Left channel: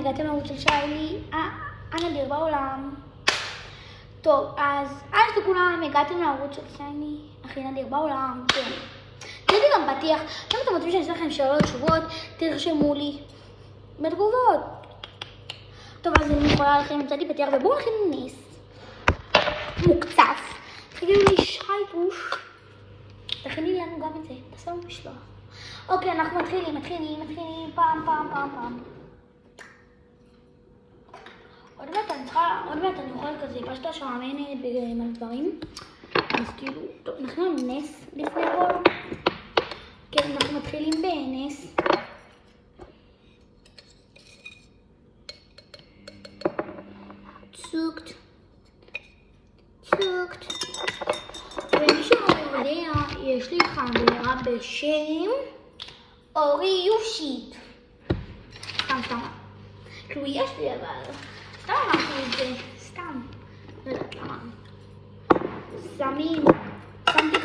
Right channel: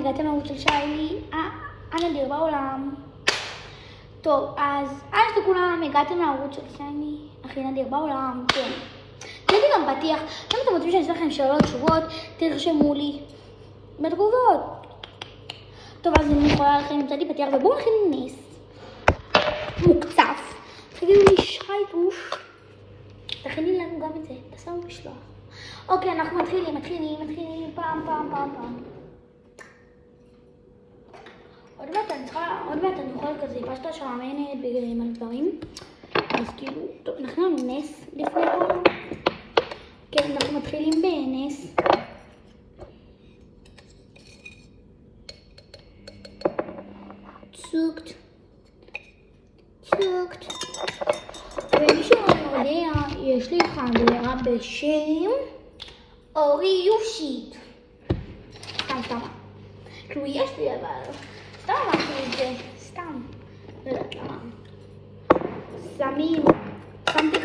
הגעתם לערוץ של שיילי, הנדיר בעולם. טוב, אז לכולם, הגעתם לערוץ של שיילי, הכי נדיר בעולם, כן. תראי גם פתיח, אם אתם רוצים שאני אעשה לכם שאלות תשובות, תרשמו לי בתגובות. טוב, אז אני יכולה לכם למצוא לי פתיח, ובואו נכין נס מוקצף. תגידו לי שייטוש, תכיני לנו גם את זה, תעשו משלוח. אוקיי, אנחנו מתחילים, פעם. עוד מעט אני אוכל כזה פשטה שעמנת במלא דברים. אז כאילו, טוב, נכין לנו נס לפני הכל. כן, אנחנו מתחילים בנס. צוקט. ומי שלא יודע, יש לי חברה בשם אורי יושית. סתם. כאילו יש לי אבל, סתם אמרתי את זה, סתם. לא יודעת למה. שמתי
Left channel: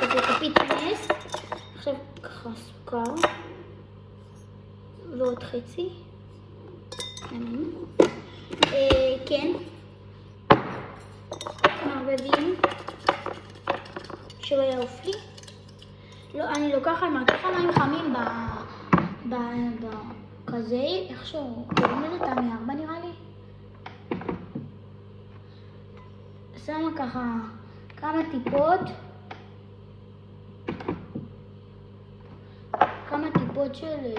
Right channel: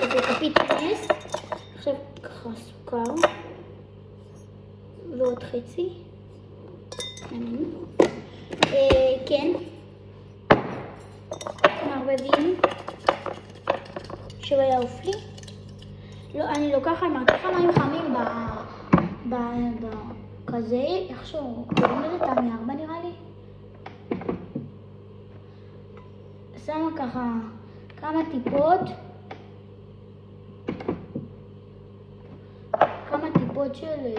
כזה כפית נס. עכשיו ככה סוכר. ועוד חצי. כן. מערבבים. שלא יעוף לי. לא, אני לוקחת מרקחה מים חמים כזה, איכשהו, קוראים לזה תמי 4 נראה לי. שמה ככה כמה טיפות של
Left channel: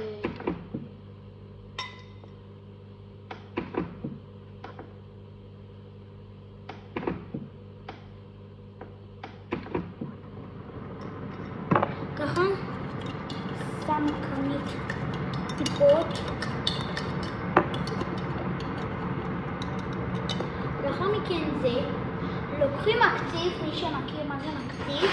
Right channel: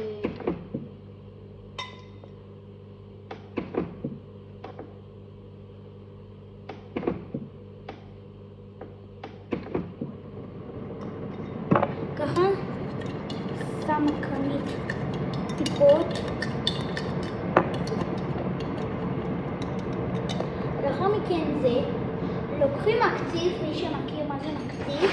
ככה, שמה כמה טיפות. לאחר מכן זה, לוקחים מקציף, מי שמכיר מה זה מקציף.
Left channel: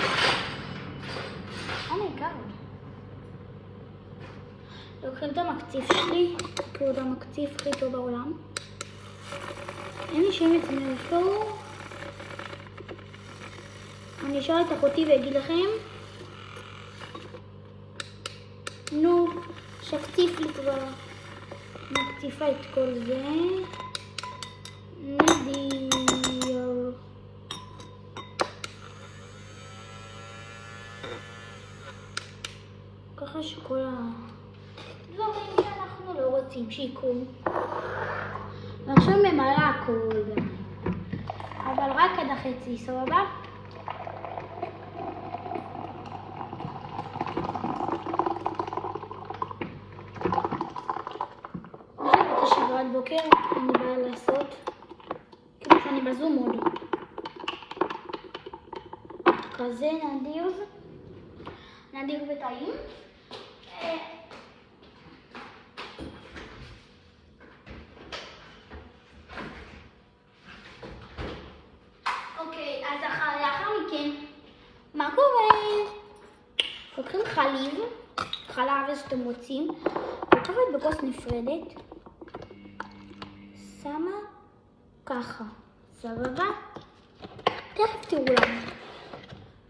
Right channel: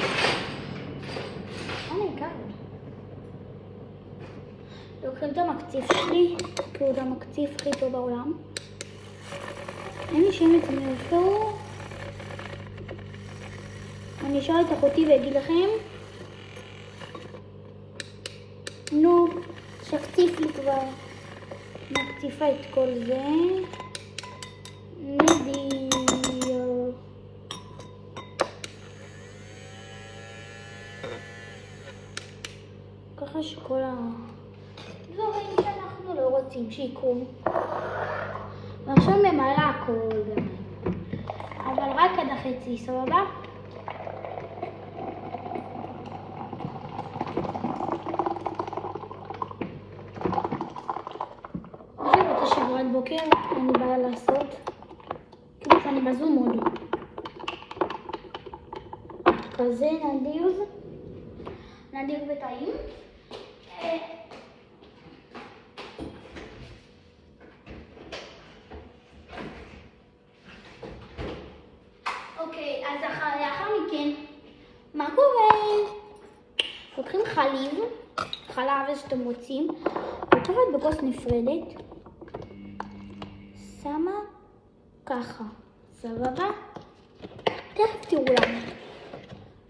לוקחים את המקציף שלי, כי הוא המקציף הכי טוב בעולם. אין לי שאם אתם אותו. אני אשאל את אחותי ואגיד לכם. נו, שקציף לי כבר. מקציפה את כל זה. נדיר. ככה שכל דברים שאנחנו לא רוצים שיקרו. ועכשיו ממלא הכל גם. אבל רק עד החצי, סבבה? שבת בוקר, אני באה לעשות, כאילו שאני בזום עוד. כזה נדיר וטעים. אוקיי, אז לאחר מכן, מה קורה? לוקחים חלב שאתם רוצים, לקחת בכוס נפרדת. שמה ככה, סבבה? תכף תראו לנו.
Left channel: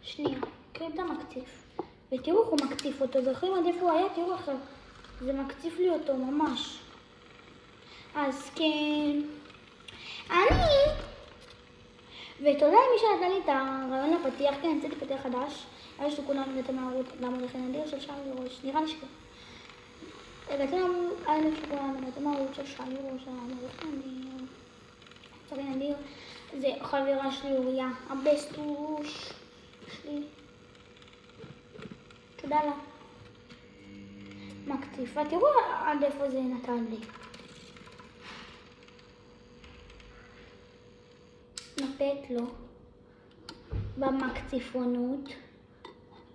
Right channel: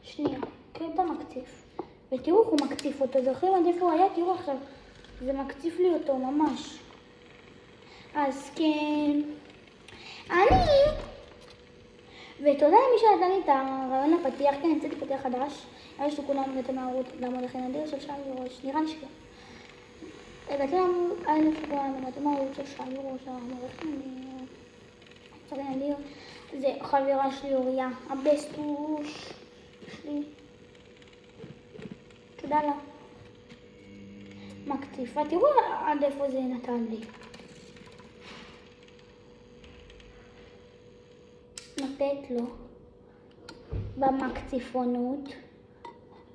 שנייה, קחו את המקציף. ותראו איך הוא מקציף אותו, זוכרים עד איפה הוא היה? תראו עכשיו, זה מקציף לי אותו ממש. אז כן, ותודה למי שנתן לי את הרעיון לפתיח, כן, נמצאתי פתיח חדש. יש לו כולם הגעתם לערוץ למודכי נדיר של שיילי ראש, נראה לי שכן. הגעתם לערוץ של שיילי ראש, המודכי נדיר. זה חברה שלי אוריה, הבסטוש שלי. תודה לה. מקציפה, תראו עד איפה זה נתן לי. נפת לו במקציפונות.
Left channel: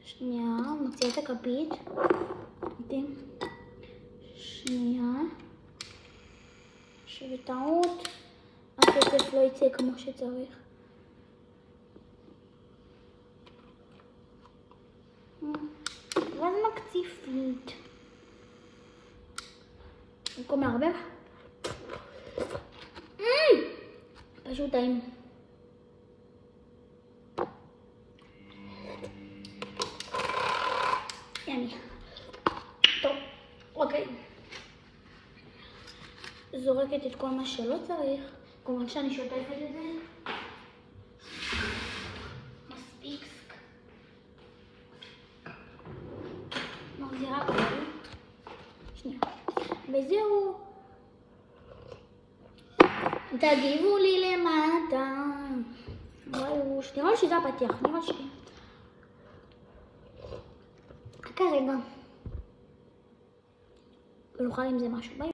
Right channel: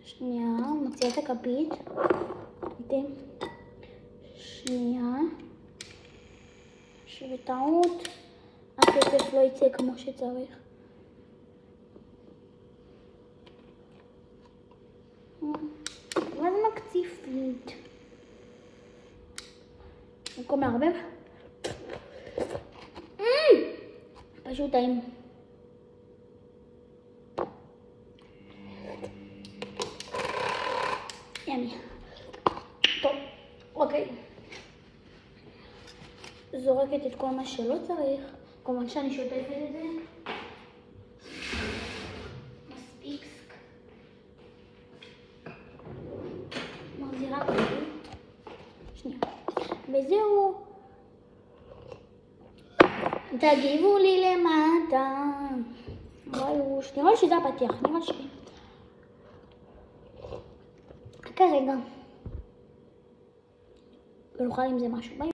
שנייה, מוציאה את הכפית. שנייה. שבטעות הכסף לא יצא כמו שצריך. ואז מקציפית. במקום מערבב. פשוט טעים. ימי. טוב, אוקיי. זורקת את כל מה שלא צריך. כמובן שאני שוטפת את זה. מספיק. מחזירה כזה. שנייה. וזהו. תגיבו לי למטה. וואי, נראה לי שזה הפתיח, נראה שכן. חכה רגע. ונוכל עם זה משהו. ביי.